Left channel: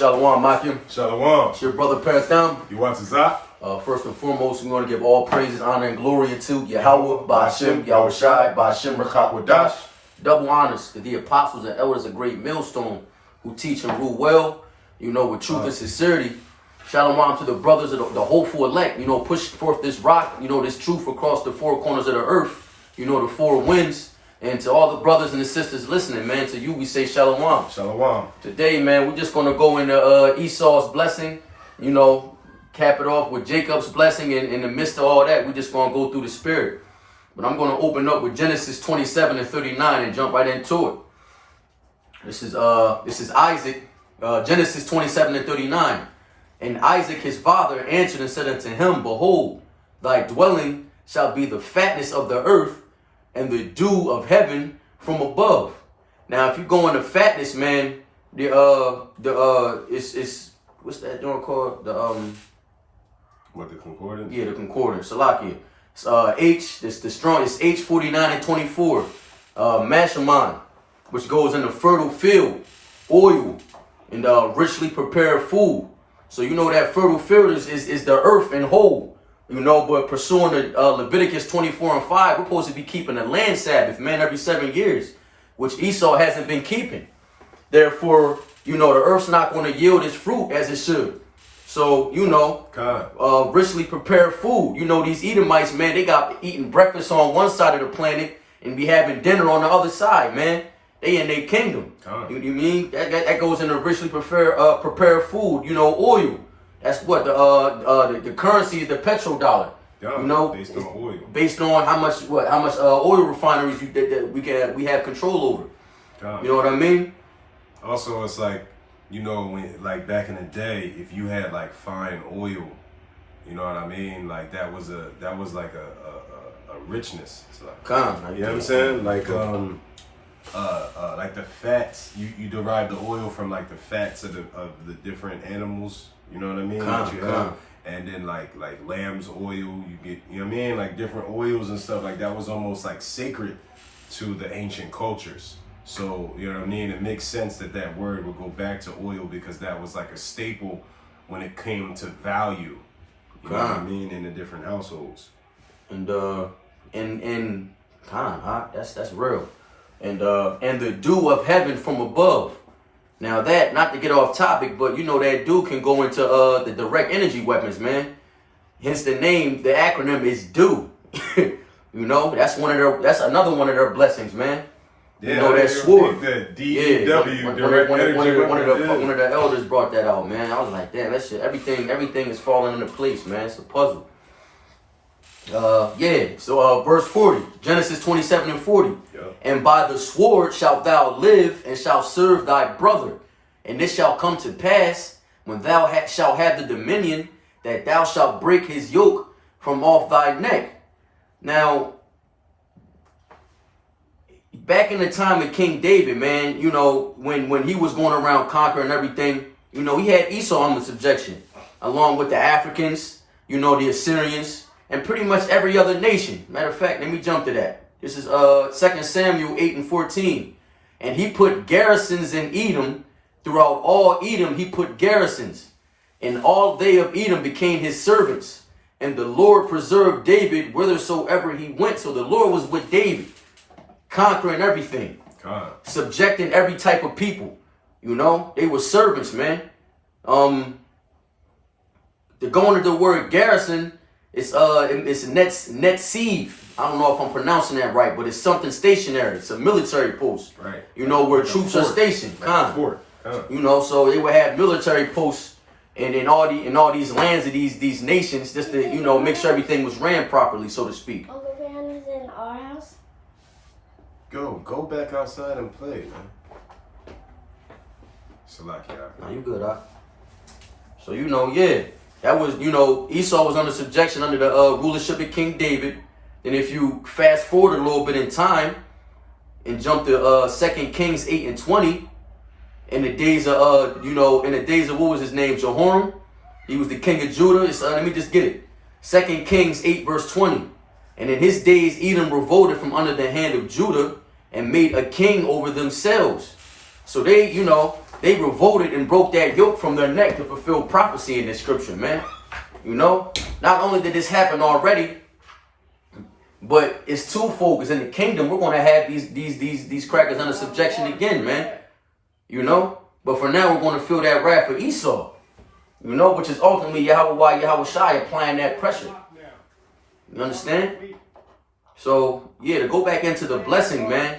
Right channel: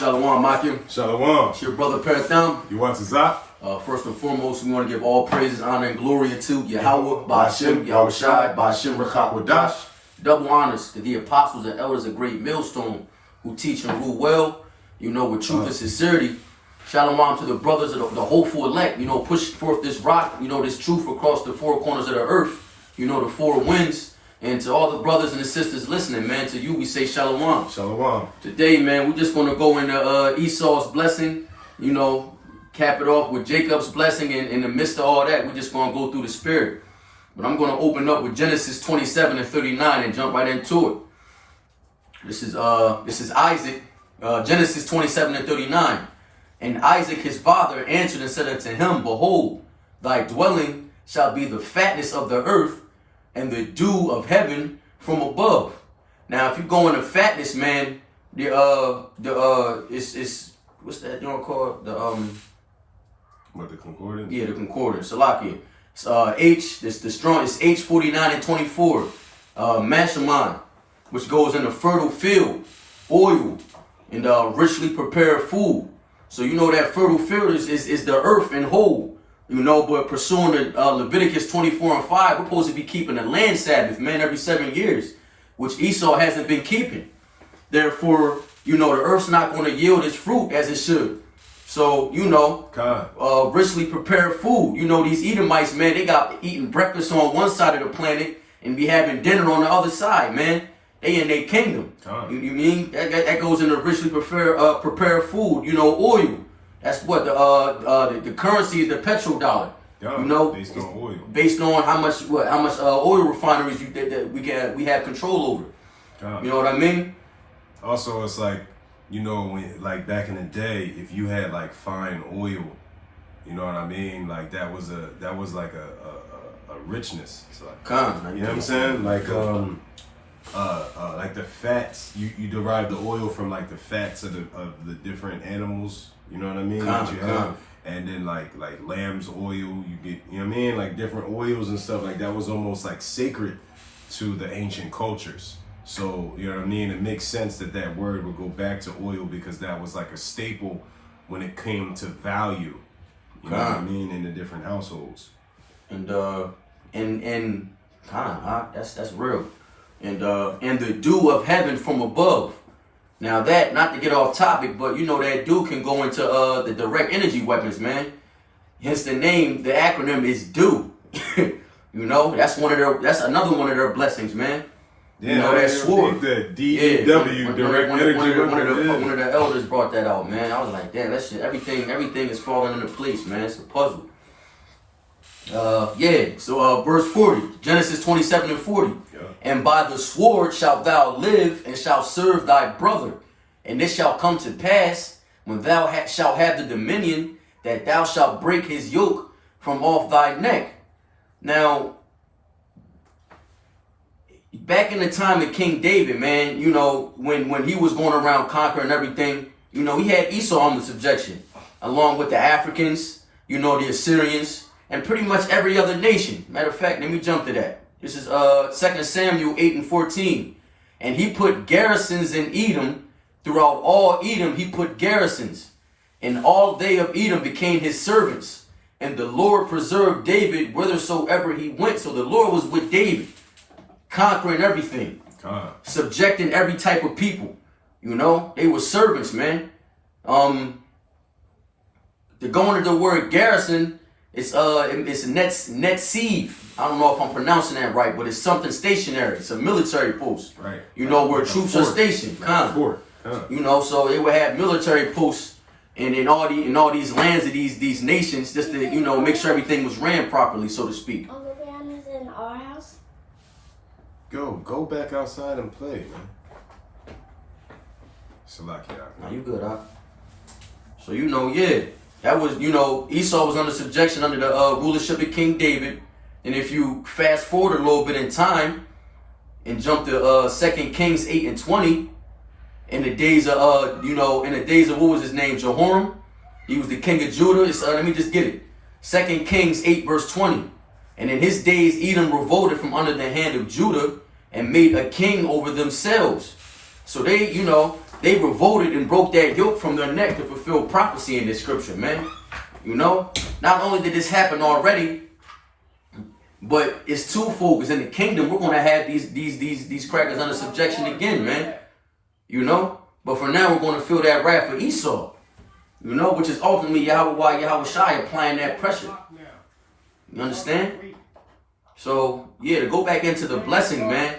Shalom, Makim. Shalom. It's your brother Paratham. You want to Zach? First and foremost, we want to give all praises, honor, and glory to Yahweh, Ba'ashem, Yahushai, Ba'ashem, Rechak, double honors to the apostles and elders of great millstone who teach and rule well, with truth and sincerity. Shalom to the brothers of the hopeful elect, push forth this rock, this truth across the four corners of the earth, the four winds. And to all the brothers and the sisters listening, man, to you we say shalom. Shalom. Today, man, we're just going to go into Esau's blessing, cap it off with Jacob's blessing. And in the midst of all that, we're just going to go through the spirit. But I'm going to open up with Genesis 27 and 39 and jump right into it. This is Isaac, Genesis 27 and 39. And Isaac his father answered and said unto him, Behold, thy dwelling shall be the fatness of the earth, and the dew of heaven from above. Now, if you go into fatness, man, it's what's that called? What, the concordance? Yeah, the concordance. Salakia. It's the strong. It's H49 and 24. Mashaman, which goes in the fertile field, oil, and richly prepared food. So that fertile field is the earth and whole. But pursuing the Leviticus 24 and 5, we're supposed to be keeping the land Sabbath, man, every 7 years, which Esau hasn't been keeping. Therefore, the earth's not going to yield its fruit as it should. So, richly prepared food. These Edomites, man, they got eating breakfast on one side of the planet and be having dinner on the other side, man. They in their kingdom. You mean? That goes into richly prepared food, oil. That's what the currency is, the petrodollar. Based on oil. Based on how much oil refineries that we have control over. You know what I mean? Also, it's like when back in the day, if you had fine oil, you know what I mean? That was a richness. So, you know what I'm saying? Like the fats, you derive the oil from the fats of the different animals. You know what I mean? And then like lamb's oil, you get, different oils and stuff that was almost sacred to the ancient cultures. So, you know what I mean? It makes sense that word would go back to oil because that was a staple when it came to value. You know what I mean? In the different households. That's real. And the dew of heaven from above. Now that, not to get off topic, but that dew can go into the direct energy weapons, man. Hence the name, the acronym is DEW. That's another one of their blessings, man. Yeah, that sword. The DEW, direct energy weapons. One of the elders brought that out, man. I was like, damn, that shit, everything is falling into place, man. It's a puzzle. So verse 40, Genesis 27 and 40. Yeah. And by the sword shalt thou live, and shalt serve thy brother. And this shall come to pass, when thou shalt have the dominion, that thou shalt break his yoke from off thy neck. Now, back in the time of King David, man, when he was going around conquering everything, he had Esau under subjection, along with the Africans, the Assyrians, and pretty much every other nation. Matter of fact, let me jump to that. This is 2 Samuel 8 and 14. And he put garrisons in Edom. Throughout all Edom he put garrisons. And all they of Edom became his servants. And the Lord preserved David whithersoever he went. So the Lord was with David, conquering everything, subjecting every type of people. They were servants, man. To go into the word garrison, it's Netziv. I don't know if I'm pronouncing that right, but it's something stationary. It's a military post. Right. Where troops are stationed. So they would have military posts in all these lands of these nations, just to make sure everything was ran properly, so to speak. Uncle Ben is in our house. Go back outside and play, man. Salakia. Nah, you good, huh? So that was, Esau was under subjection under the rulership of King David. And if you fast forward a little bit in time and jump to 2 Kings 8 and 20, in the days of, what was his name? Jehoram. He was the king of Judah. Let me just get it. 2 Kings 8 verse 20. And in his days, Edom revolted from under the hand of Judah and made a king over themselves. So they, you know, they revolted and broke that yoke from their neck to fulfill prophecy in this scripture, man. You know, not only did this happen already, but it's twofold. Because in the kingdom, we're gonna have these crackers under subjection again, man. You know, but for now, we're gonna feel that wrath for Esau. You know, which is ultimately Yahweh Shai applying that pressure. You understand? So yeah, to go back into the blessing, man.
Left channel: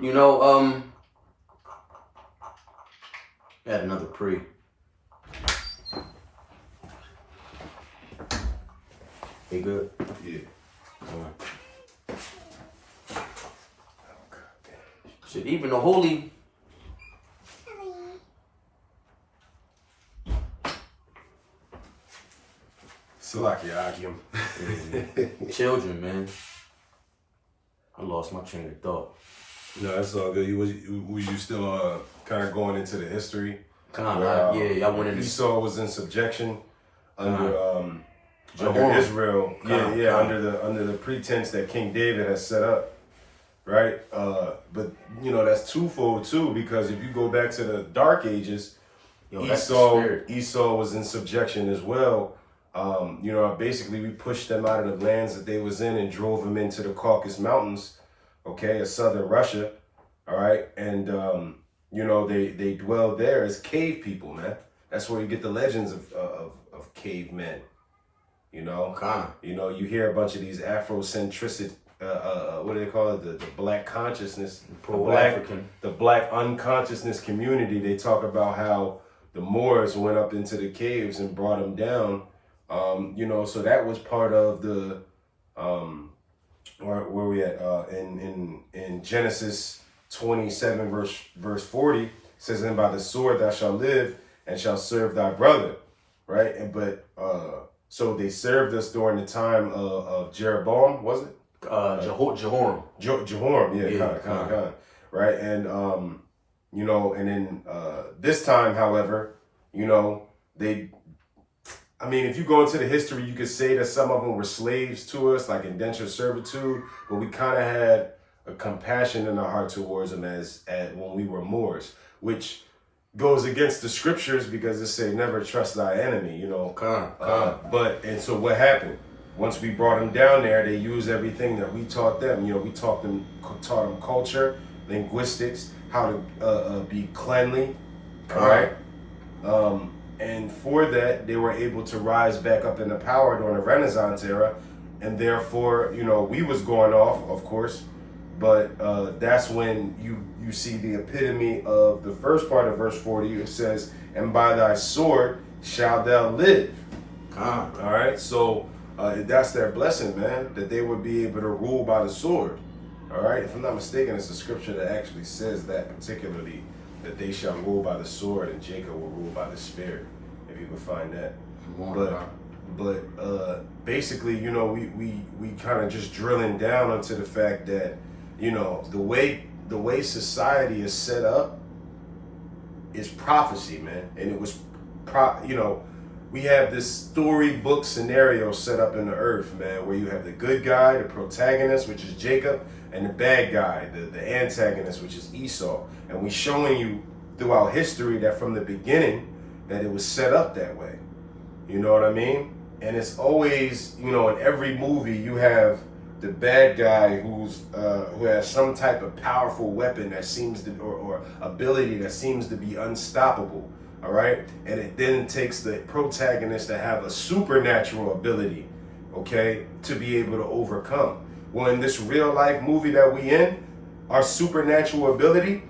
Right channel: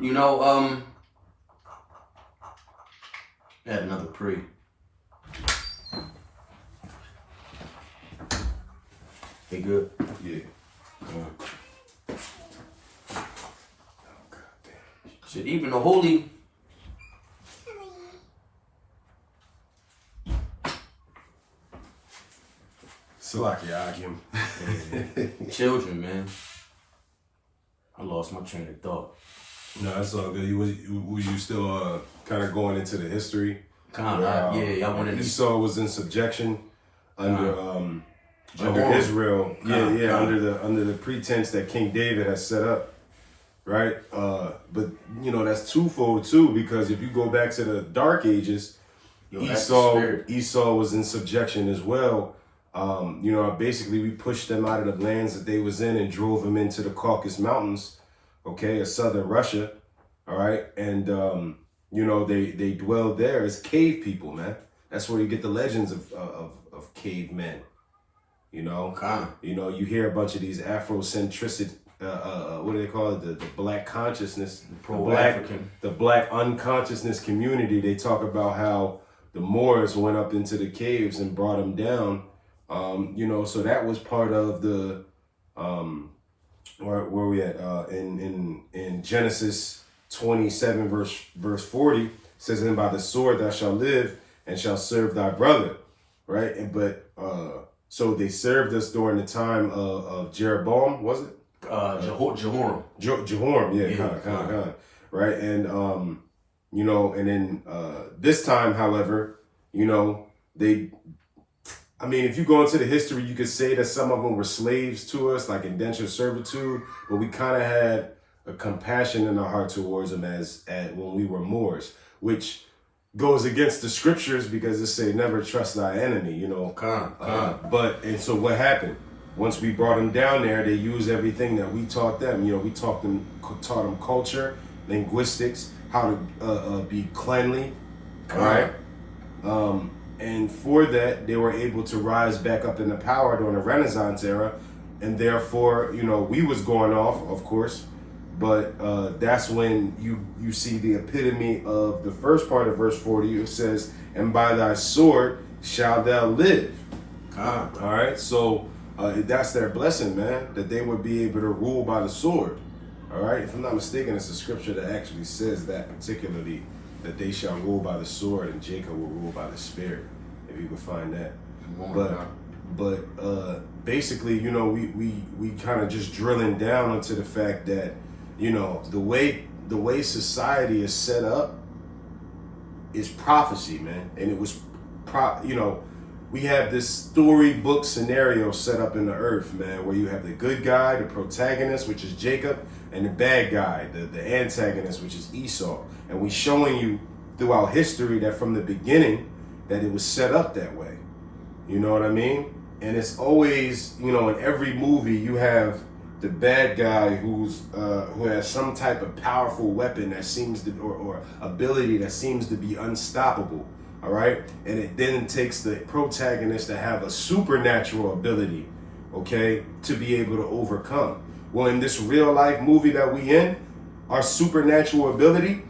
You know, add another pre. They good? Yeah. Shit, even the holy. Salaki Akim. Children, man. I lost my train of thought. No, that's all good. Were you still kind of going into the history? Kind of, yeah. I went into Esau was in subjection under under Jehoram. Israel. Kinda. Under the pretense that King David has set up, right? But you know that's twofold too, because if you go back to the Dark Ages, that's the spirit. Esau was in subjection as well. You know, basically we pushed them out of the lands that they was in and drove them into the Caucasus Mountains, okay, of southern Russia, all right? And, you know, they dwelled there as cave people, man. That's where you get the legends of cavemen, you know? You know, you hear a bunch of these Afrocentricity, what do they call it? The black consciousness, the black unconsciousness community. They talk about how the Moors went up into the caves and brought them down. You know, so that was part of the where we at in Genesis 27 verse 40 says, "And by the sword thou shalt live and shalt serve thy brother," right? And but so they served us during the time of Jeroboam, was it? Jehoram. Jehoram, kind of, right? And you know, and then this time, however, you know, I mean, if you go into the history, you could say that some of them were slaves to us, like indentured servitude, but we kind of had a compassion in our heart towards them as when we were Moors, which goes against the scriptures because it say never trust thy enemy, you know. And so what happened? Once we brought them down there, they used everything that we taught them. You know, we taught them culture, linguistics, how to be cleanly, all right? And for that, they were able to rise back up into power during the Renaissance era. And therefore, you know, we was going off, of course. But that's when you see the epitome of the first part of verse 40. It says, "And by thy sword shalt thou live." All right. So that's their blessing, man, that they would be able to rule by the sword. All right. If I'm not mistaken, it's a scripture that actually says that particularly, that they shall rule by the sword and Jacob will rule by the spirit, if you can find that. But basically, you know, we kind of just drilling down into the fact that, you know, the way society is set up is prophecy, man. And it was, you know, we have this storybook scenario set up in the earth, man, where you have the good guy, the protagonist, which is Jacob, and the bad guy, the antagonist, which is Esau. And we showing you throughout history that from the beginning that it was set up that way. You know what I mean? And it's always, you know, in every movie you have the bad guy who has some type of powerful weapon that seems to or ability that seems to be unstoppable. All right, and it then takes the protagonist to have a supernatural ability, okay, to be able to overcome. Well, in this real life movie that we in, our supernatural ability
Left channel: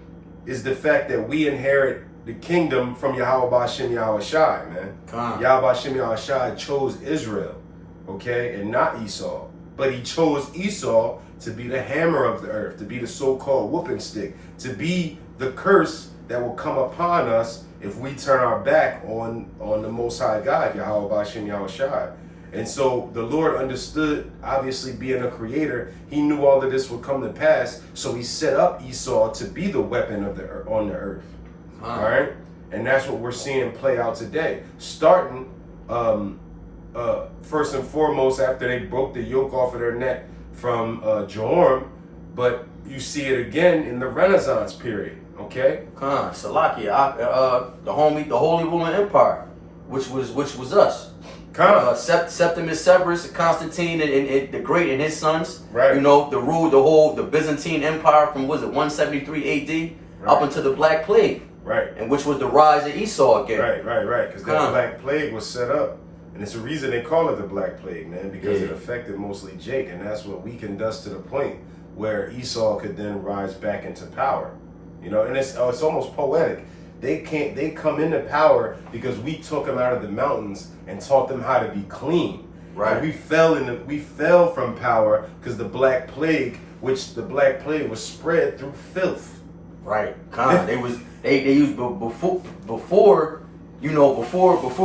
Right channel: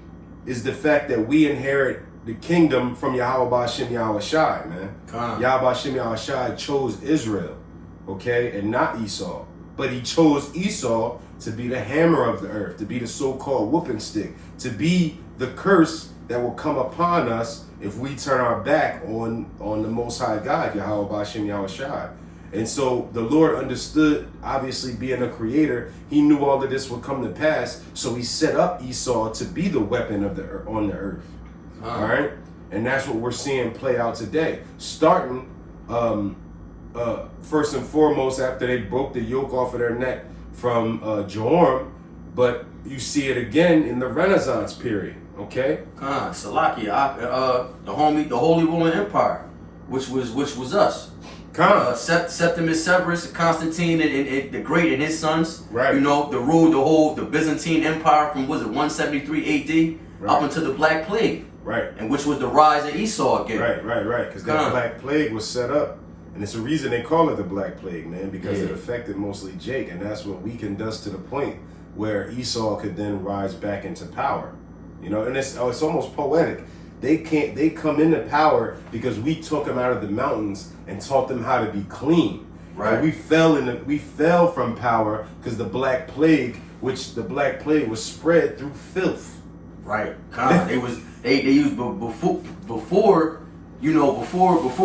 is the fact that we inherit the kingdom from Yahweh Ba'Shem Yahweh Shai, man. Yahweh Ba'Shem Yahweh Shai chose Israel, okay, and not Esau. But he chose Esau to be the hammer of the earth, to be the so-called whooping stick, to be the curse that will come upon us if we turn our back on the Most High God, Yahweh Ba'Shem Yahweh Shai. And so the Lord understood, obviously being a creator, he knew all of this would come to pass. So he set up Esau to be the weapon of on the earth. All right. And that's what we're seeing play out today. Starting first and foremost after they broke the yoke off of their neck from Jehoram, but you see it again in the Renaissance period. Okay. Khan, Salakia, the Holy Roman Empire, which was us. Khan. Septimus Severus, Constantine, and the Great, and his sons. Right. You know, the Byzantine Empire from, was it 173 A.D. Right. up until the Black Plague. Right. And which was the rise of Esau again. Right. Because that Black Plague was set up. And it's a reason they call it the Black Plague, man, because it affected mostly Jake. And that's what weakened us to the point where Esau could then rise back into power. You know, and it's almost poetic. They come into power because we took them out of the mountains and taught them how to be clean. Right. And we fell from power because the Black Plague, which the Black Plague was spread through filth. Right. Khan, they used before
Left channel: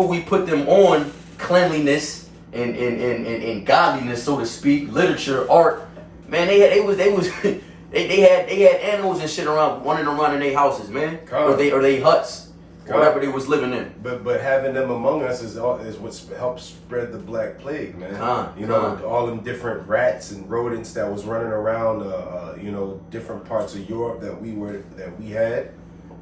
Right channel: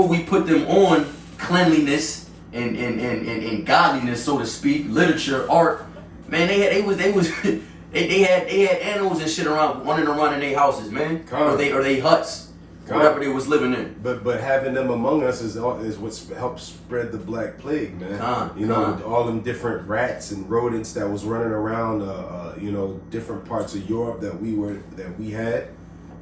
we put them on cleanliness and godliness, so to speak, literature, art. Man, they had animals and shit running around in their houses, man, or they huts, whatever they was living in. But having them among us is what's helped spread the Black Plague, man. All them different rats and rodents that was running around, different parts of Europe that we had,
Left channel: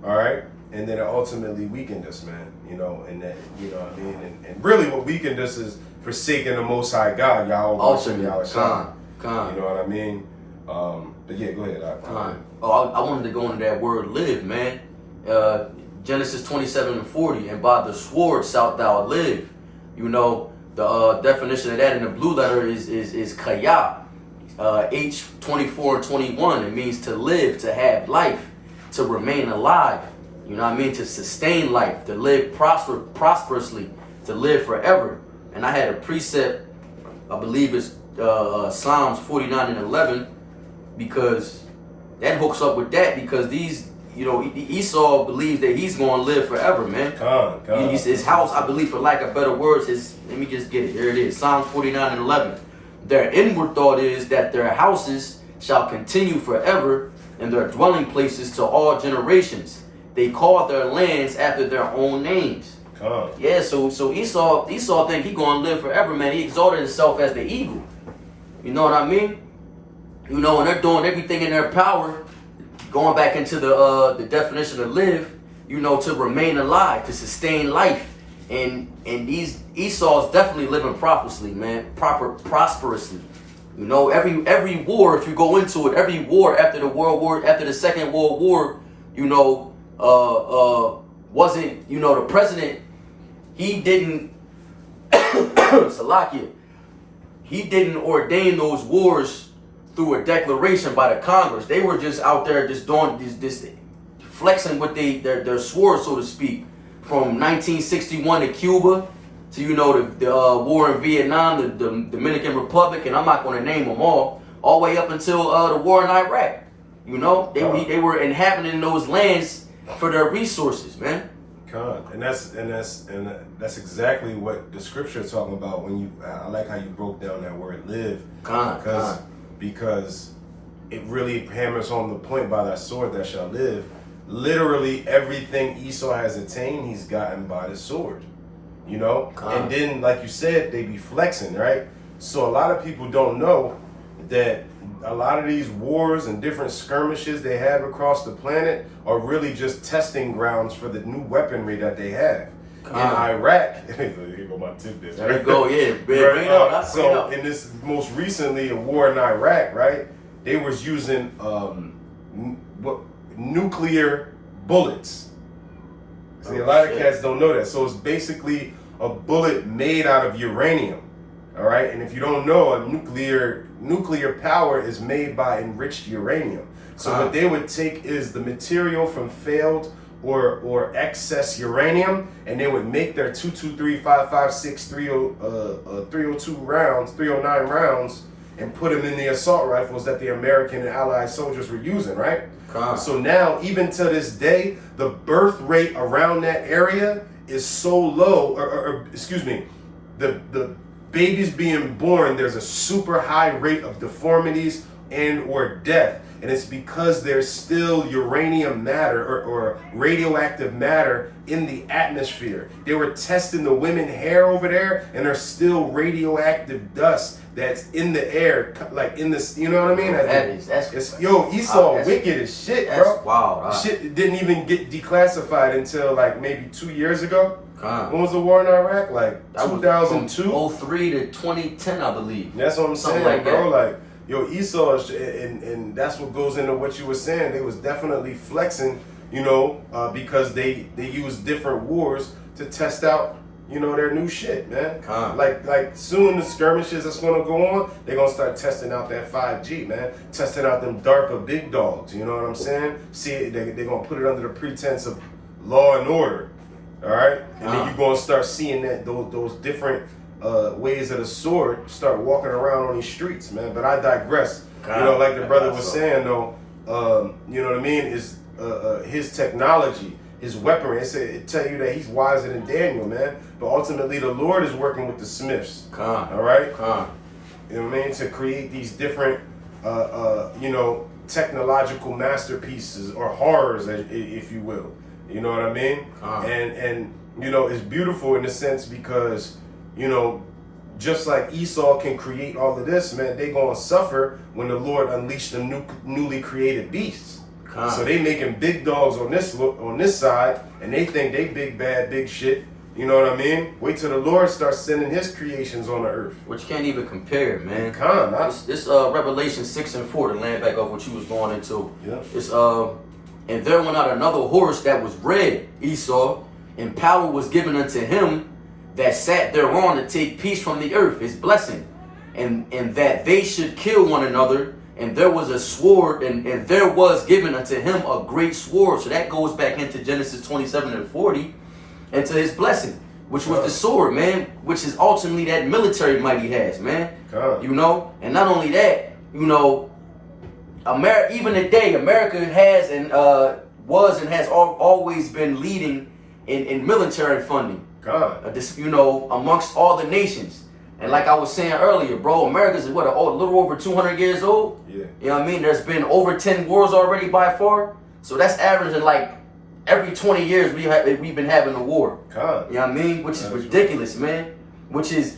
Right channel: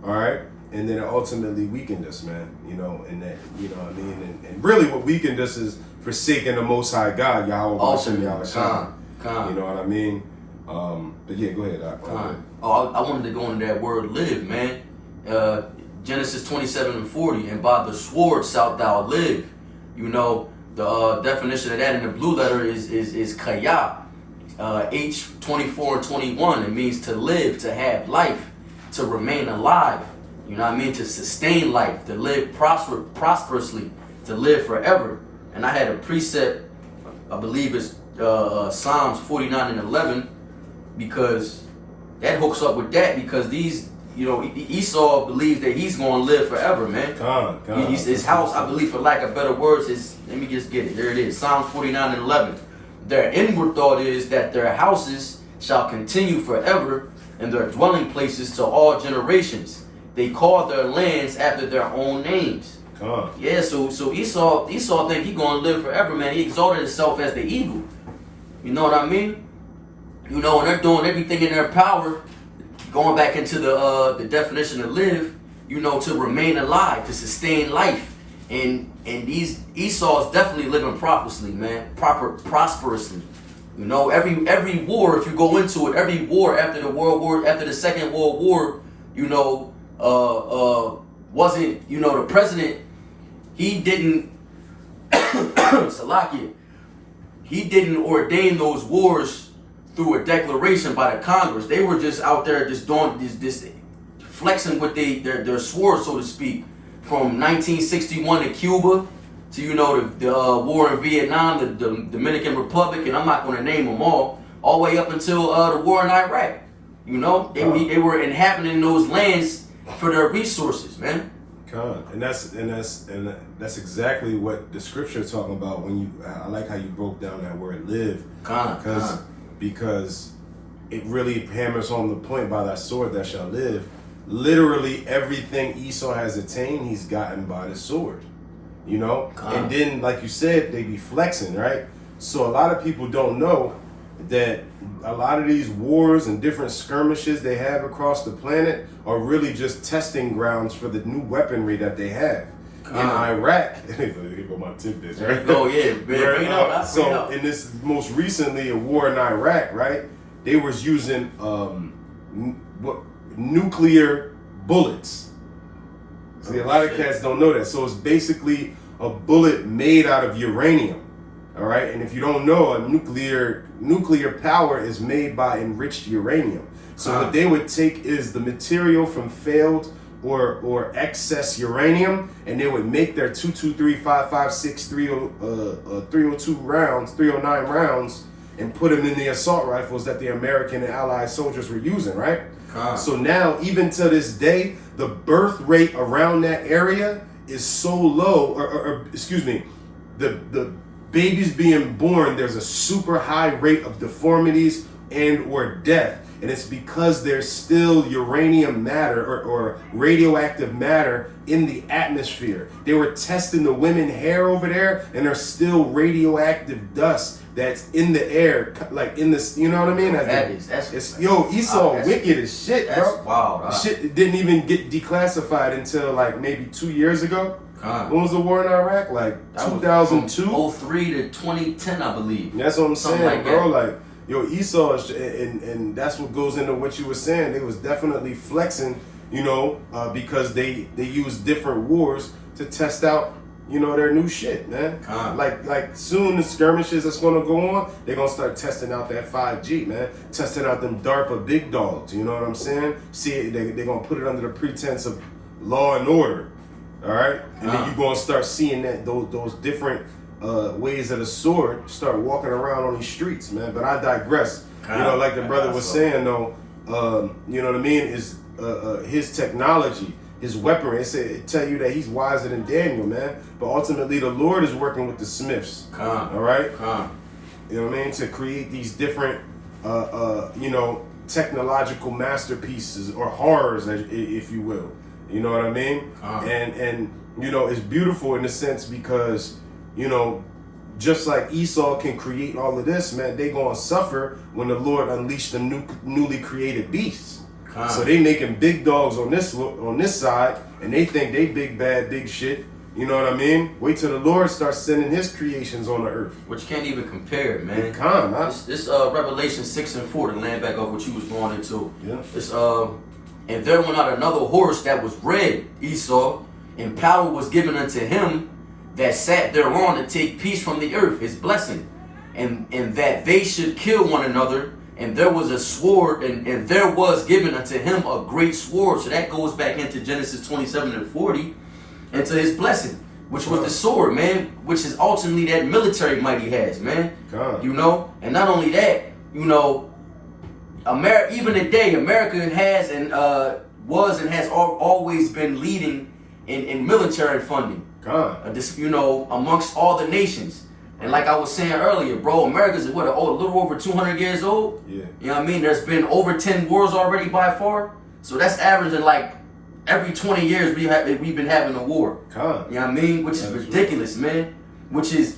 all right. And then it ultimately weakened us, man. And that, what I mean. And really, what weakened us is forsaking the Most High God, Yahweh. Awesome, You know what I mean? But yeah, go ahead. I wanted to go into that word "live," man. Genesis 27:40, and by the sword shalt thou live. The definition of that in the blue letter is kaya. H24:21. It means to live, to have life, to remain alive. You know what I mean? To sustain life, to live prosperously, to live forever. And I had a precept, I believe it's Psalms 49:11, because that hooks up with that, because Esau believes that he's going to live forever, man. His house, I believe, for lack of better words, let me just get it. Here it is, Psalms 49:11. Their inward thought is that their houses shall continue forever, and their dwelling places to all generations. They call their lands after their own names. Yeah, so Esau think he gonna live forever, man. He exalted himself as the eagle. You know what I mean? And they're doing everything in their power, going back into the definition of live, to remain alive, to sustain life. And these Esau's definitely living prosperously, man. Prosperously. Every war, if you go into it, every war after the Second World War, wasn't, the president, he didn't Salakia, he didn't ordain those wars through a declaration by the Congress. They were just out there just doing this flexing with their sword, so to speak, from 1961 to Cuba to the war in Vietnam, the Dominican Republic, and I'm not going to name them all the way up until the war in Iraq. They were inhabiting those lands for their resources, man. And that's exactly what the scripture is talking about. I like how you broke down that word "live," because it really hammers on the point, by that sword that shall live. Literally everything Esau has attained, he's gotten by the sword. And then, like you said, they be flexing, right? So a lot of people don't know that a lot of these wars and different skirmishes they have across the planet are really just testing grounds for the new weaponry that they have. In Iraq, here go my tidbits, right? There you go, yeah. Right? So in this most recently a war in Iraq, right? They was using nuclear bullets. See, a lot of cats don't know that. So it's basically a bullet made out of uranium. All right, and if you don't know, a nuclear power is made by enriched uranium. So what they would take is the material from failed or excess uranium, and they would make their 223, 556, 302 rounds, 309 rounds, and put them in the assault rifles that the American and Allied soldiers were using, right? So now, even to this day, the birth rate around that area is so low, the babies being born, there's a super high rate of deformities and or death And it's because there's still uranium matter or radioactive matter in the atmosphere. They were testing the women hair over there, and there's still radioactive dust that's in the air, like in the, you know what I mean? Esau wicked as shit, bro. That's wild. Shit didn't even get declassified until like maybe 2 years ago. When was the war in Iraq? Like 2002? 03 to 2010, I believe. That's what I'm Something saying, like bro. that. Like, yo, Esau, and that's what goes into what you were saying. They was definitely flexing, you know, because they used different wars to test out, you know, their new shit, man. Like soon the skirmishes that's gonna go on, they're gonna start testing out that 5G, man. Testing out them DARPA big dogs, you know what I'm saying? See, they're gonna put it under the pretense of law and order, all right? And then you're gonna start seeing that those different ways of the sword start walking around on these streets, man. But I digress. You know, like the brother was saying, though, you know what I mean, is his technology, his weaponry. It tell you that he's wiser than Daniel, man. But ultimately, the Lord is working with the Smiths. All right? You know what I mean? To create these different, you know, technological masterpieces or horrors, if you will. You know what I mean? And you know, it's beautiful in a sense because, you know, just like Esau can create all of this, man, they gonna suffer when the Lord unleashed the newly created beasts. So they making big dogs on this side, and they think they big bad big shit. You know what I mean? Wait till the Lord starts sending His creations on the earth, which can't even compare, man. This Revelation 6 and 4 to land back off what you was going into. Yeah. It's and there went out another horse that was red, Esau, and power was given unto him that sat thereon to take peace from the earth, his blessing, and that they should kill one another. And there was a sword, and there was given unto him a great sword. So that goes back into Genesis 27 and 40, and to his blessing, which was the sword, man, which is ultimately that military might he has, man. You know, and not only that, you know, even today, America has and was and has always been leading in military funding. You know, amongst all the nations. And like I was saying earlier, bro, America's a little over 200 years old. Yeah. You know what I mean? There's been over 10 wars already by far. So that's averaging like every 20 years we've been having a war. You know what I mean? Which is ridiculous, man. Which is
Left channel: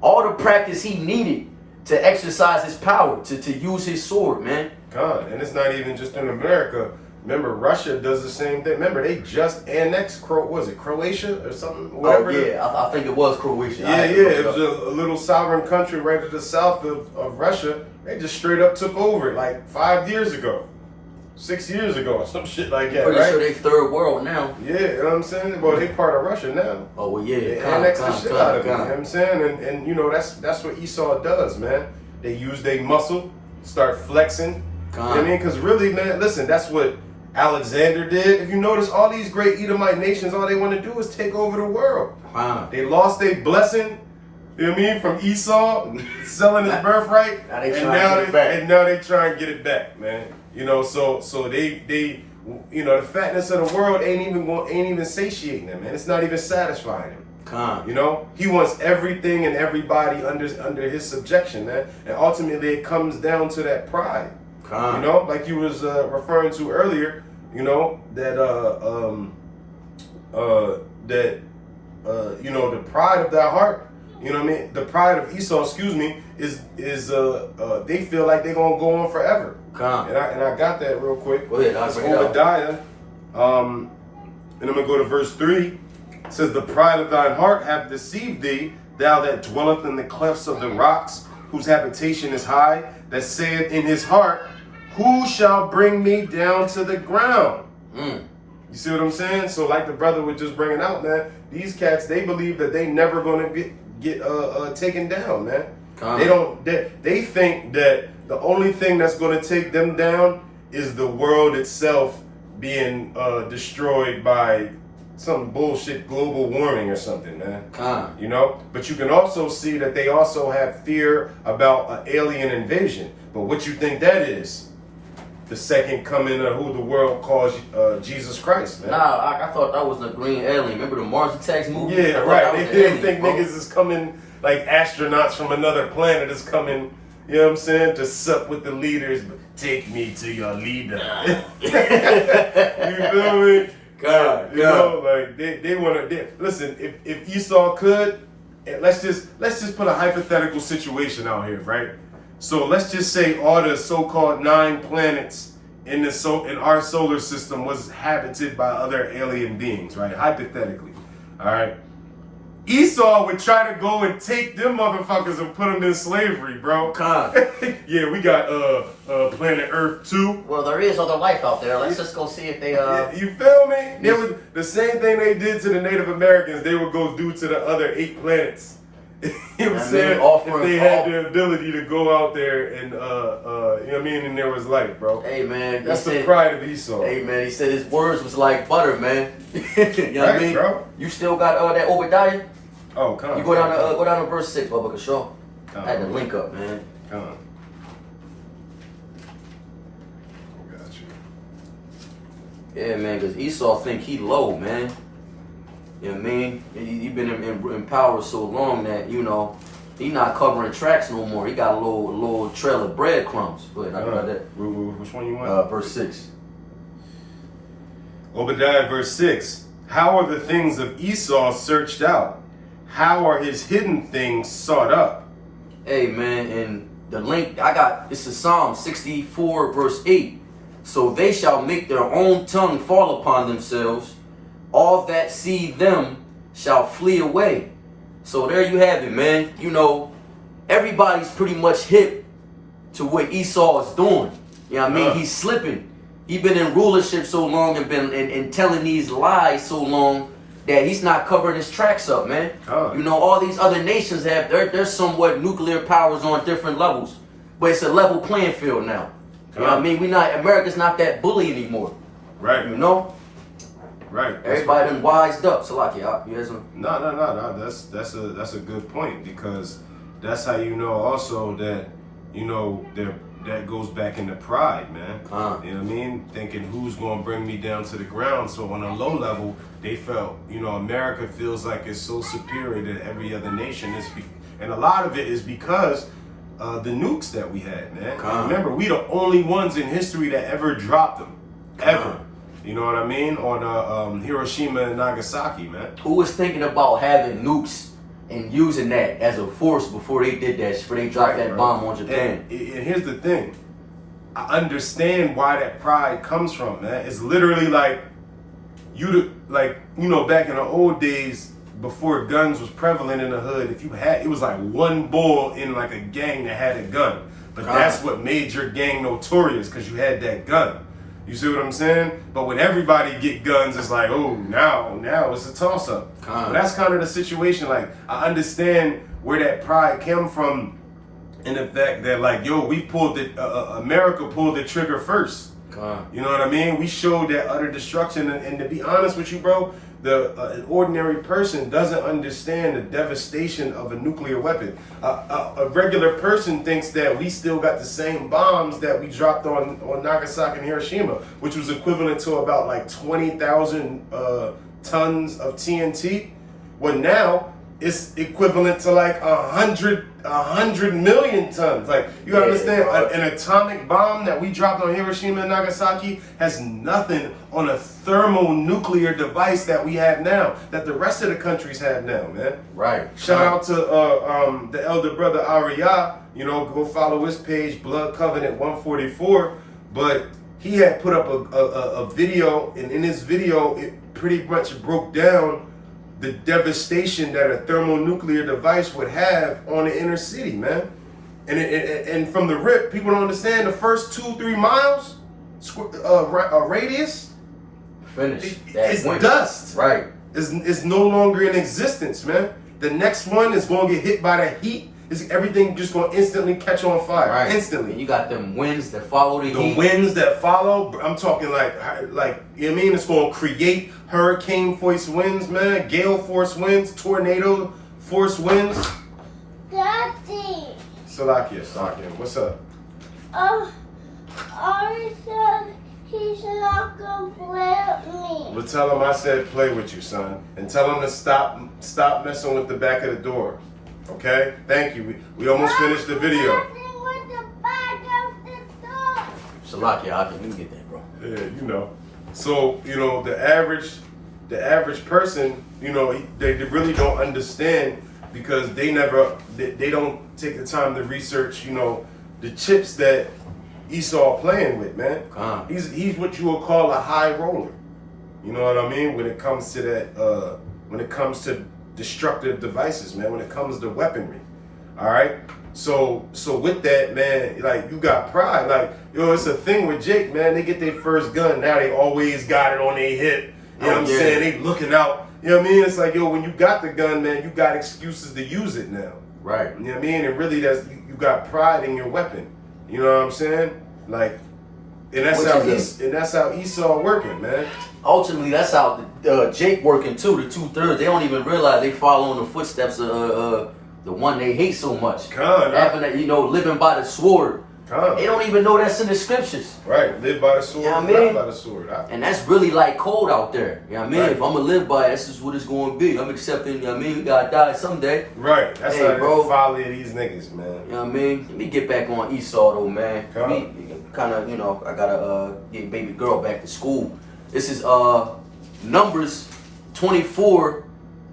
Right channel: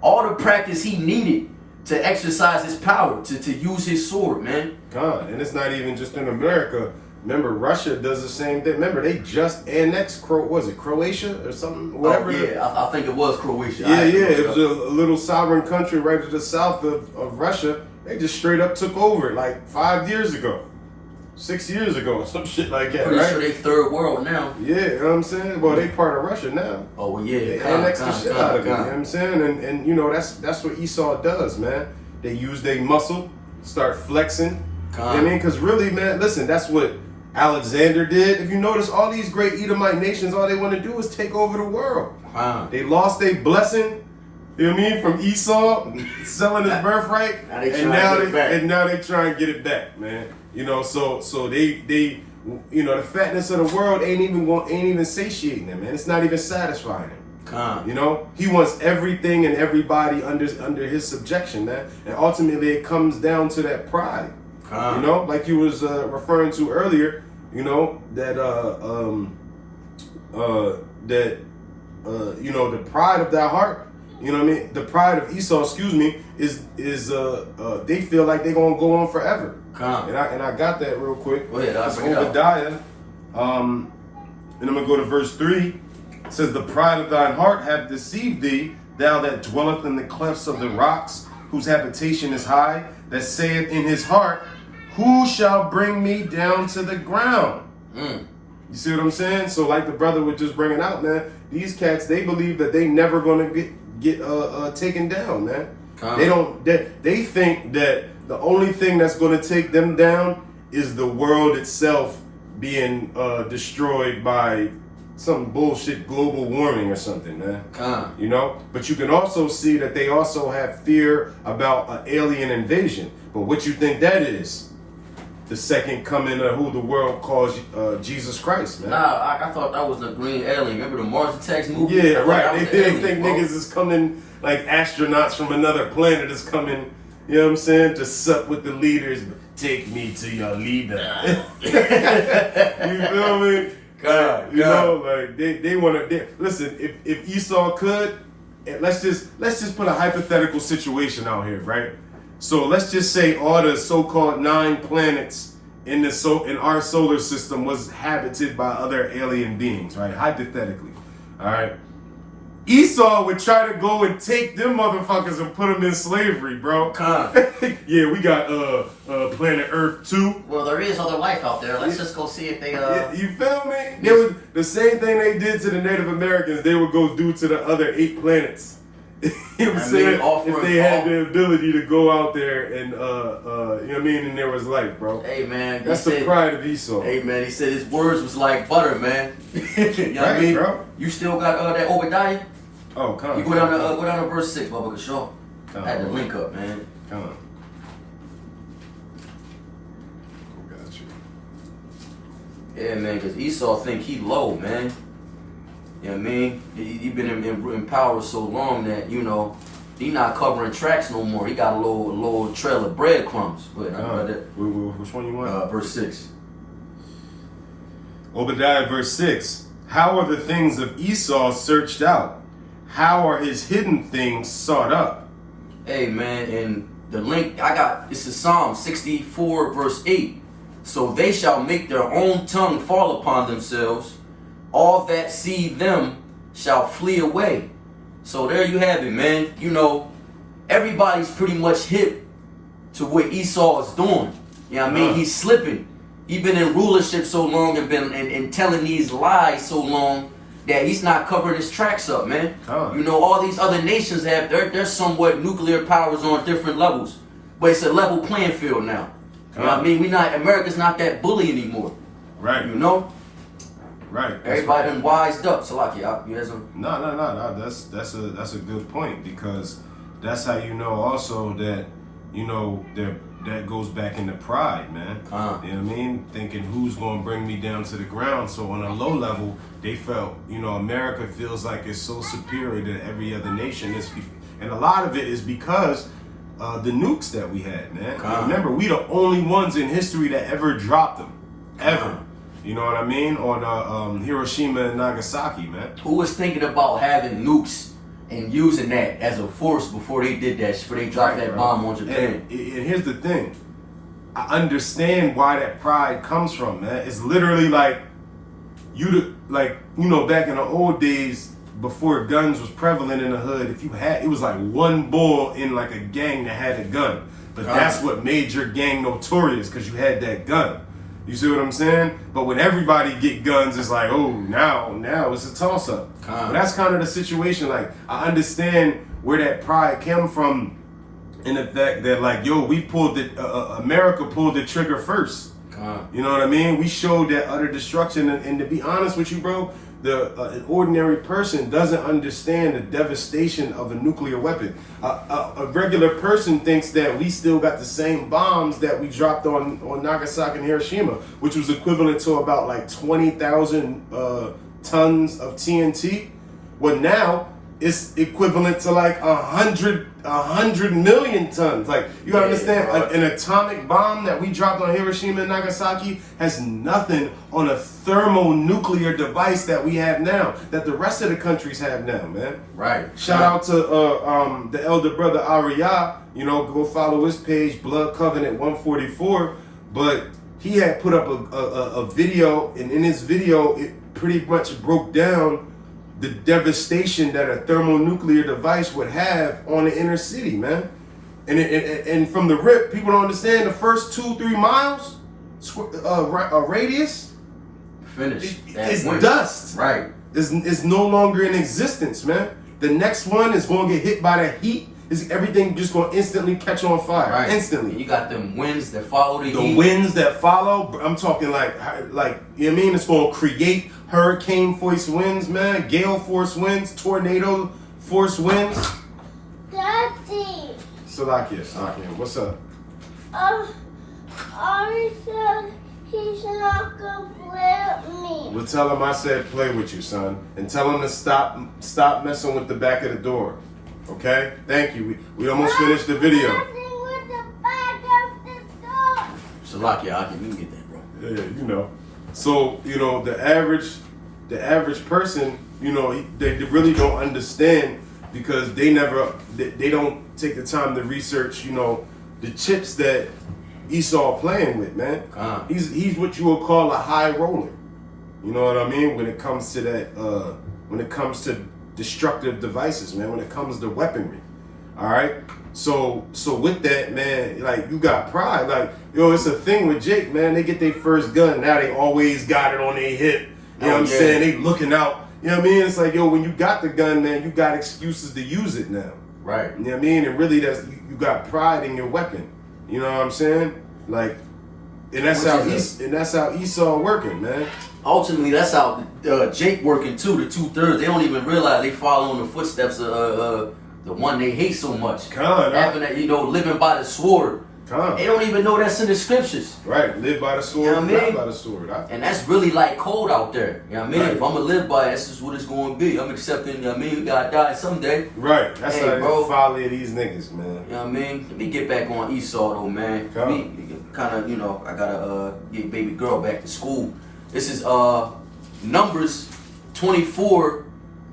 all the practice he needed to exercise his power, to use his sword, man. And it's not even just in America. Remember, Russia does the same thing. Remember, they just annexed Croatia or something? Whatever. I think it was Croatia. It was a little sovereign country right to the south of Russia. They just straight up took over like 5 years ago, 6 years ago, or some shit like that, right? Sure they third world now. Yeah, you know what I'm saying? Well, they part of Russia now. Oh, well, yeah. They annexed the shit out of it, you know what I'm saying? And you know, that's what Esau does, man. They use their muscle, start flexing. You know what I mean? Because really, man, listen, that's what Alexander did. If you notice, all these great Edomite nations, all they want to do is take over the world. They lost their blessing, you know what I mean, from Esau selling his birthright, and now they try and get it back, man. You know, so they you know, the fatness of the world ain't even satiating them, man. It's not even satisfying him. You know, he wants everything and everybody under his subjection, man. And ultimately, it comes down to that pride. You know, like you was referring to earlier, you know, that you know, the pride of that heart, you know what I mean? The pride of Esau, excuse me, is they feel like they're gonna go on forever. And I got that real quick. It's Obadiah. And I'm gonna go to verse 3. It says, "The pride of thine heart hath deceived thee, thou that dwelleth in the clefts of the rocks, whose habitation is high, that saith in his heart, who shall bring me down to the ground?" You see what I'm saying? So like the brother was just bringing out, man, these cats, they believe that they never gonna get taken down, man. They think that the only thing that's gonna take them down is the world itself being destroyed by some bullshit global warming or something, man. You know? But you can also see that they also have fear about an alien invasion. But what you think that is? The second coming of who the world calls Jesus Christ, man. Nah, I thought that was the green alien. Remember the Mars Attacks movie? Yeah, right. They think niggas is coming, like astronauts from another planet is coming, you know what I'm saying, to sup with the leaders. take me to your leader. You feel me? God, You know, like they want to. Listen, if Esau could, let's just put a hypothetical situation out here, right? So let's just say all the so-called 9 planets in our solar system was habited by other alien beings, right? Hypothetically, all right. Esau would try to go and take them motherfuckers and put them in slavery, bro. Yeah, we got planet Earth 2. Well, there is other life out there. Let's just go see if they. You feel me? It was the same thing they did to the Native Americans. They would go do to the other 8 planets. You know what I'm saying? If they had the ability to go out there and you know what I mean, and there was life, bro. Hey man, That's the pride of Esau. Hey man, he said his words was like butter, man. You know what I mean? Bro. You still got that Obadiah? Oh, come on. You go down to verse 6, Bubba, sure. I had to link up, man. Come on. Got you. Yeah, man, because Esau think he low, man. You know what I mean? He been in power so long that, you know, he not covering tracks no more. He got a little trail of breadcrumbs. But I got that. Which one you want? Verse 6. Obadiah verse 6. How are the things of Esau searched out? How are his hidden things sought up? Hey, man, and the link I got, it's a Psalm 64, verse 8. So they shall make their own tongue fall upon themselves. All that see them shall flee away. So there you have it, man. You know, everybody's pretty much hip to what Esau is doing. You know what I mean? He's slipping. He's been in rulership so long and been and telling these lies so long that he's not covering his tracks up, man. You know, all these other nations have they're somewhat nuclear powers on different levels. But it's a level playing field now. You know what I mean? America's not that bully anymore. Right. You know? Right. Everybody been wised up. So like, yeah, you know, No. That's a good point, because that's how you know also that, you know, that goes back into pride, man. You know what I mean? Thinking who's gonna bring me down to the ground. So on a low level, they felt, you know, America feels like it's so superior to every other nation. And a lot of it is because the nukes that we had, man. Remember, we the only ones in history that ever dropped them, ever. You know what I mean? On Hiroshima and Nagasaki, man. who was thinking about having nukes and using that as a force before they did that? Before they dropped that bomb on Japan? And here's the thing. I understand why that pride comes from, man. It's literally like you know, back in the old days before guns was prevalent in the hood, if you had, it was like one boy in like a gang that had a gun. But that's what made your gang notorious, because you had that gun. You see what I'm saying? But when everybody get guns, it's like, oh, now it's a toss-up. But that's kind of the situation. Like, I understand where that pride came from, in the fact that, like, yo, we pulled America pulled the trigger first. You know what I mean? We showed that utter destruction. And to be honest with you, bro, an ordinary person doesn't understand the devastation of a nuclear weapon. A regular person thinks that we still got the same bombs that we dropped on Nagasaki and Hiroshima, which was equivalent to about like 20,000 tons of TNT. Well, now it's equivalent to like 100 million tons. Like, you understand, an atomic bomb that we dropped on Hiroshima and Nagasaki has nothing on a thermonuclear device that we have now, that the rest of the countries have now, man. Right. Shout out to the elder brother Ariyah. You know, go follow his page, Blood Covenant 144. But he had put up a video, and in his video, it pretty much broke down the devastation that a thermonuclear device would have on the inner city, man. And from the rip, people don't understand the first 2-3 miles radius. Finished. It's dust. Right. It's no longer in existence, man. The next one is going to get hit by the heat. Everything just going to instantly catch on fire. Right. Instantly. You got them winds that follow the heat. The winds that follow, I'm talking like, you know what I mean? It's going to create hurricane force winds, man. Gale force winds, tornado force winds. Daddy. Salakia, what's up? Ari said he's not gonna play with me. Well, tell him I said play with you, son. And tell him to stop messing with the back of the door. Okay? Thank you. We almost finished the video. Nothing with the back of the door. Salakia, I can get that, bro. Yeah, you know. So, you know, the average person, you know, they really don't understand because they don't take the time to research, you know, the chips that Esau playing with, man. He's what you would call a high roller. You know what I mean? When it comes to that, when it comes to destructive devices, man, when it comes to weaponry. All right. So with that, man, like you got pride. Like, yo, it's a thing with Jake, man. They get their first gun. Now they always got it on their hip. You know what I'm saying? They looking out. You know what I mean? It's like, yo, when you got the gun, man, you got excuses to use it now. Right. You know what I mean? And really, you got pride in your weapon. You know what I'm saying? Like, and that's how Esau working, man. Ultimately, that's how Jake working too. The 2/3, they don't even realize they following the footsteps of the one they hate so much. Having that, you know, living by the sword. They don't even know that's in the scriptures. Right, live by the sword, die by the sword. And that's really like cold out there. You know what I mean? Right. If I'm gonna live by it, that's just what it's gonna be. I'm accepting, you know what I mean? We gotta die someday. Right, that's how bro. they follow these niggas, man. You know what I mean? Let me get back on Esau though, man. Kind of, you know, I gotta get baby girl back to school. This is Numbers 24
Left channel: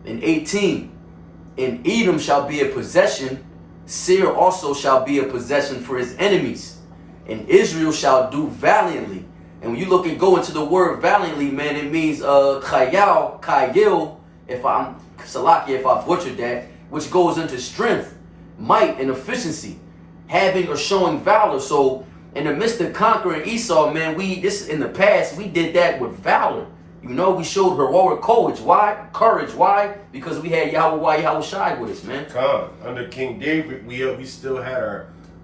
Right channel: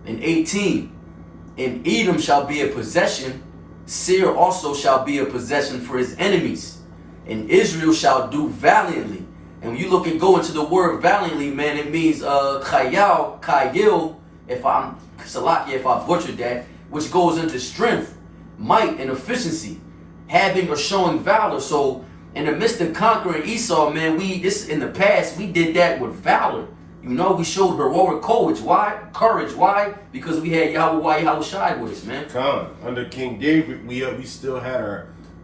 and 18. And Edom shall be a possession, Seir also shall be a possession for his enemies, and Israel shall do valiantly. And when you go into the word valiantly, man, it means kayil, if I butchered that, which goes into strength, might, and efficiency, having or showing valor. So in the midst of conquering Esau, man, in the past, we did that with valor. You know, we showed heroic courage. Why? Courage. Why? Because we had Yahweh Shai with us, man. Under King David, we still had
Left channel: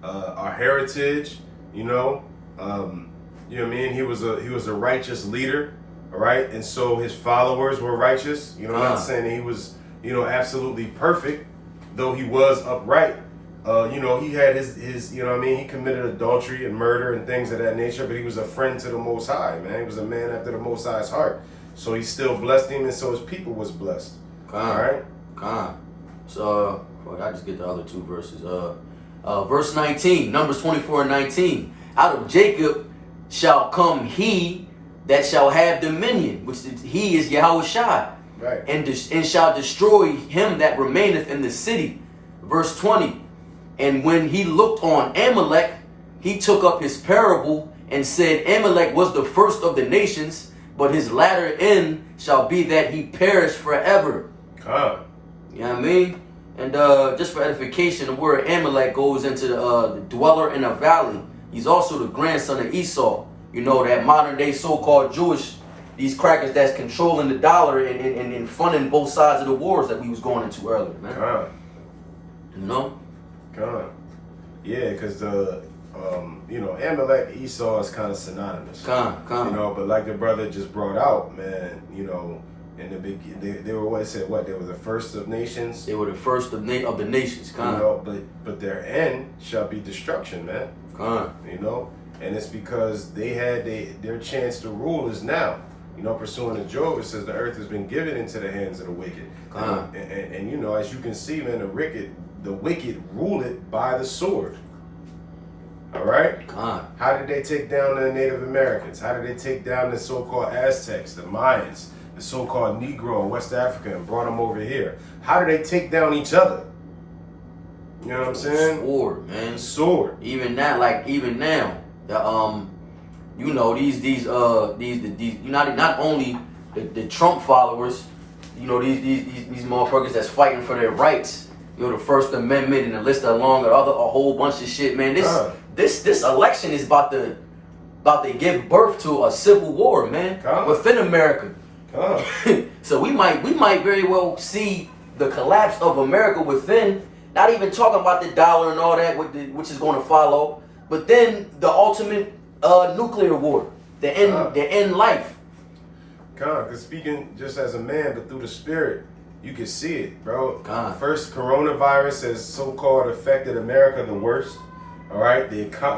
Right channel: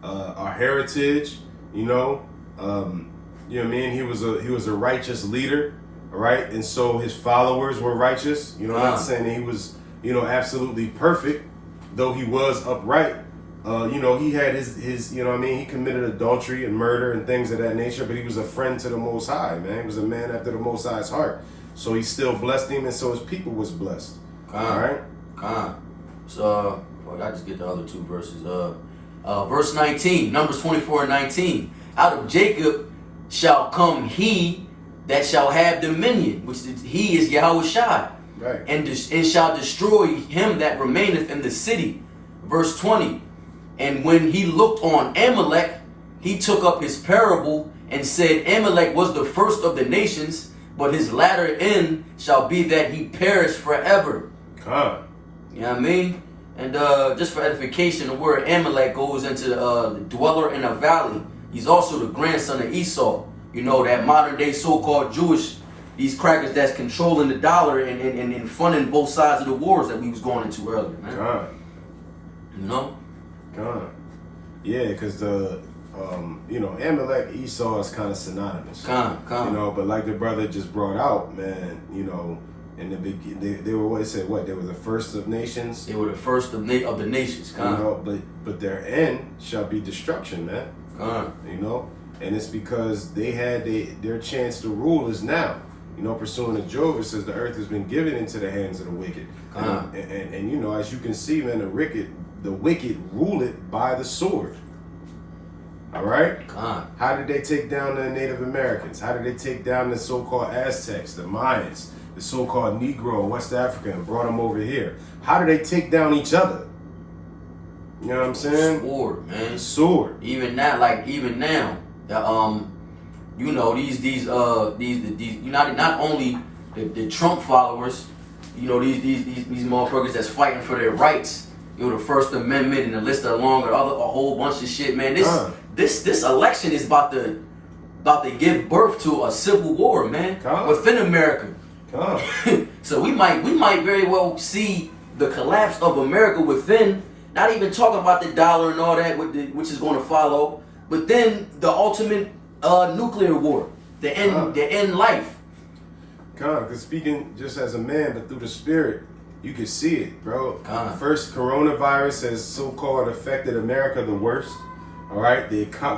our heritage. You know what I mean. He was a righteous leader, all right, and so his followers were righteous. You know, not saying that he was, you know, absolutely perfect, though he was upright. You know, he had his, you know what I mean, he committed adultery and murder and things of that nature, but he was a friend to the Most High, man. He was a man after the Most High's heart. So he still blessed him, and so his people was blessed. All right? So, I just get the other two verses. Verse 19, Numbers 24 and 19. Out of Jacob shall come he that shall have dominion, which he is Yahweh Shai. Right. And shall destroy him that remaineth in the city. Verse 20. And when he looked on Amalek, he took up his parable and said, Amalek was the first of the nations, but his latter end shall be that he perish forever. You know what I mean? And just for edification, the word Amalek goes into the dweller in a valley. He's also the grandson of Esau. You know, that modern day so-called Jewish, these crackers that's controlling the dollar and funding both sides of the wars that we was going into earlier, man. You know? Yeah, because you know, Amalek, Esau is kind of synonymous. You know, but like the brother just brought out, man, you know, in the beginning, they were they were the first of nations. They were the first of the nations. You know, but their end shall be destruction, man. You know, and it's because they had their chance to rule is now. You know, pursuing the Job, it says the earth has been given into the hands of the wicked. And you know, as you can see, man, the wicked rule it by the sword. All right? How did they take down the Native Americans? How did they take down the so-called Aztecs, the Mayans, the so-called Negro in West Africa and brought them over here? How did they take down each other? You know what I'm saying? Sword, man. The sword. Even now, you know, these not only the Trump followers, you know, these motherfuckers that's fighting for their rights. You know, the First Amendment and the list along a whole bunch of shit, man. This election is about to give birth to a civil war, man, within America. So we might very well see the collapse of America within. Not even talking about the dollar and all that, which is going to follow, but then the ultimate nuclear war, the end life. Because speaking just as a man, but through the spirit, you can see it, bro. First, coronavirus has so-called affected America the worst. All right,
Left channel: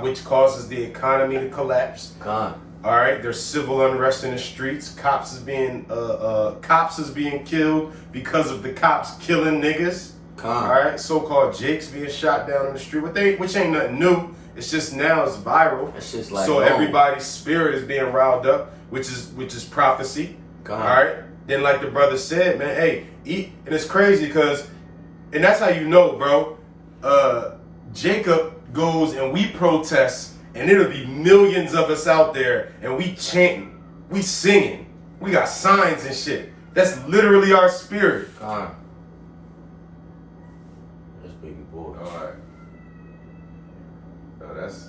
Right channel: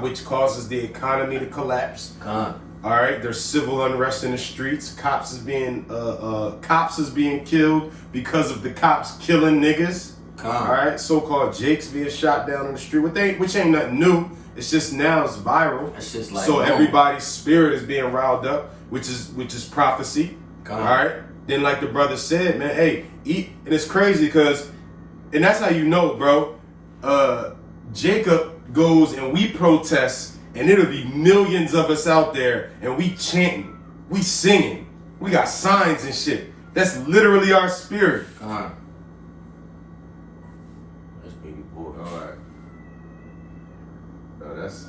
which causes the economy to collapse. All right, there's civil unrest in the streets. Cops is being killed because of the cops killing niggas. All right, so-called Jakes being shot down in the street, which ain't nothing new. It's just now it's viral. It's just like so no. everybody's spirit is being riled up, which is prophecy. God. All right. Then like the brother said, man, hey, eat. And it's crazy because, and that's how you know, bro. Jacob goes and we protest, and it'll be millions of us out there, and we chanting, we singing, we got signs and shit. That's literally our spirit. God. That's baby boy. All right. No, that's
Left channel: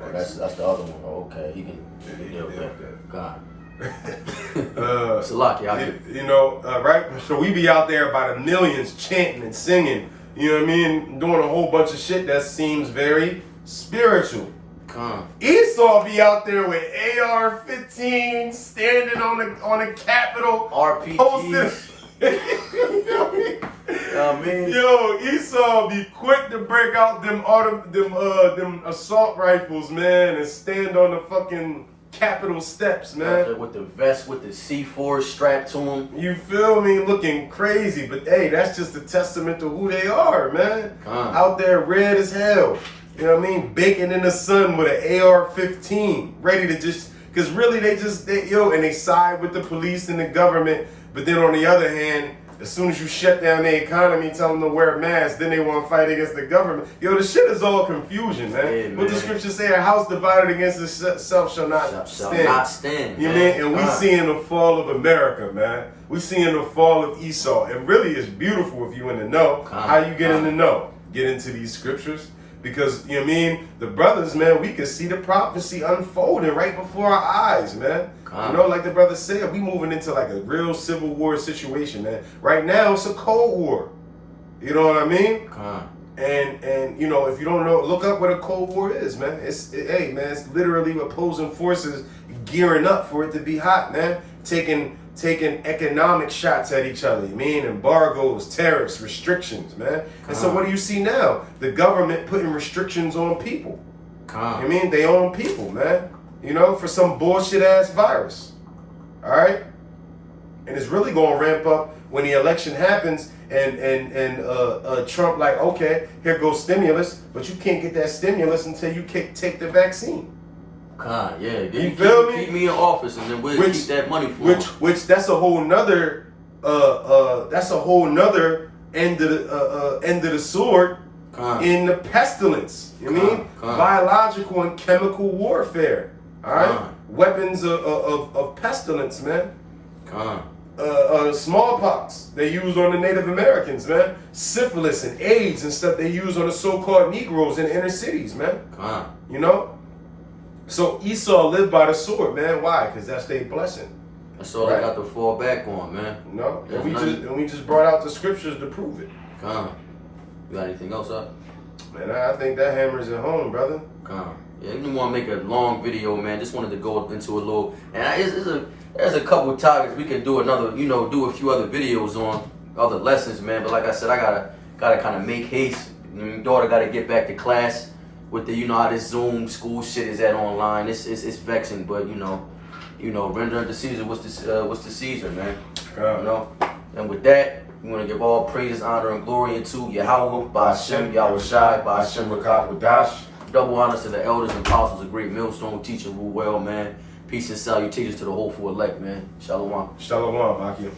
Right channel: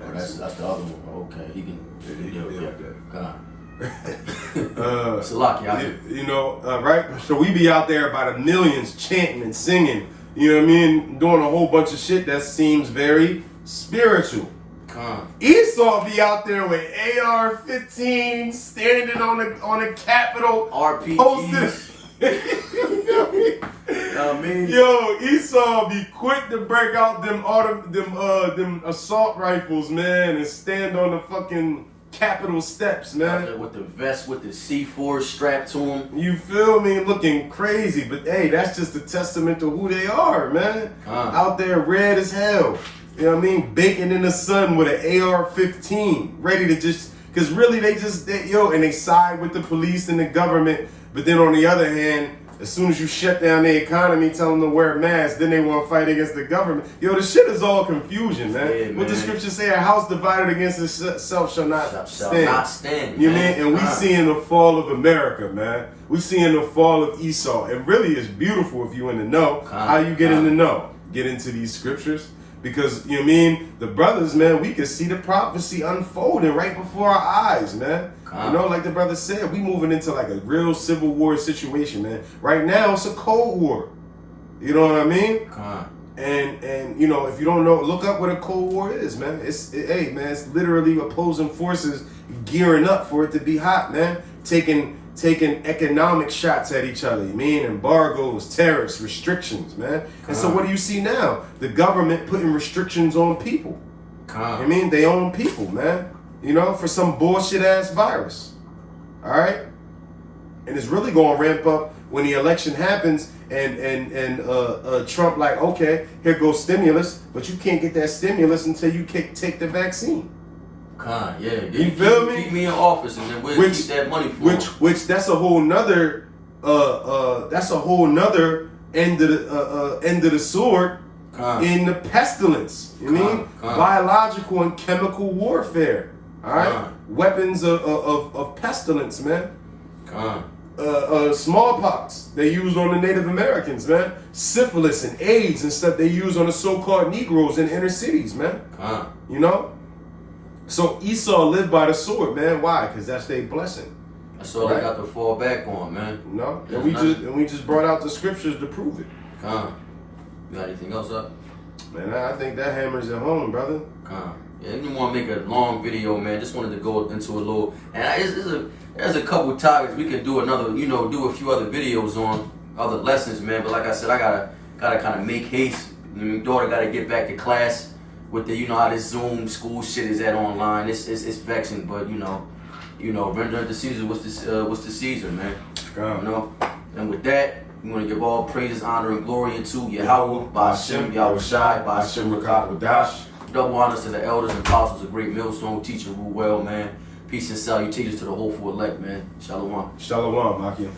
Oh, that's the other one. Oh, okay, he can deal with that. God. It's a lot, y'all. You know, right? So we be out there by the millions chanting and singing, you know what I mean? Doing a whole bunch of shit that seems very spiritual. Esau be out there with AR-15 standing on the Capitol. RPGs. Yo, Esau be quick to break out them assault rifles, man, and stand on the fucking Capitol steps, man. With the vest with the C4 strapped to him. You feel me? Looking crazy, but hey, that's just a testament to who they are, man. Out there red as hell. You know what I mean? Baking in the sun with an AR-15, ready to just, because really they side with the police and the government, but then on the other hand, as soon as you shut down the economy, tell them to wear masks, then they want to fight against the government. Yo, the shit is all confusion, man. Yeah, What the scriptures say, a house divided against itself shall not stand. man. You mean? And we seeing the fall of America, man. We seeing the fall of Esau. It really is beautiful if you in the know. How you get in the know? Get into these scriptures. Because, you know what I mean, the brothers, man, we can see the prophecy unfolding right before our eyes, man. You know, like the brother said, we moving into like a real civil war situation, man. Right now, it's a Cold War. You know what I mean? And you know, if you don't know, look up what a Cold War is, man. It's literally opposing forces gearing up for it to be hot, man. Taking economic shots at each other. You mean embargoes, tariffs, restrictions, man. And so what do you see now? The government putting restrictions on people. I mean, they own people, man. You know, for some bullshit ass virus. All right? And it's really going to ramp up when the election happens and Trump like, okay, here goes stimulus, but you can't get that stimulus until you take the vaccine. You feel me? Keep me in office and then we'll keep that money for which that's a whole nother end of the sword in the pestilence. You mean biological and chemical warfare. All right, weapons of pestilence, man. Smallpox they used on the Native Americans, man. Syphilis and AIDS and stuff they use on the so-called Negroes in the inner cities, man. You know. So Esau lived by the sword, man. Why? Because that's their blessing. That's all I got to fall back on, man. No, and we just brought out the scriptures to prove it. You got anything else up? Man, I think that hammers it home, brother. Yeah, I didn't want to make a long video, man. Just wanted to go into a little, and there's a couple topics we could do another, do a few other videos on other lessons, man. But like I said, I gotta kind of make haste. My daughter gotta get back to class with the, how this Zoom school shit is at online. It's vexing, but rendering to Caesar what's the Caesar, man. And with that, we want to give all praises, honor, and glory into Yahweh, Ba'ashem, Yahushai, Ba'ashem, Rakat, Wadash. Double honors to the elders and apostles of Great Millstone, teaching rule well, man. Peace and salutations to the whole full elect, man. Shalom. Shalom, Akim.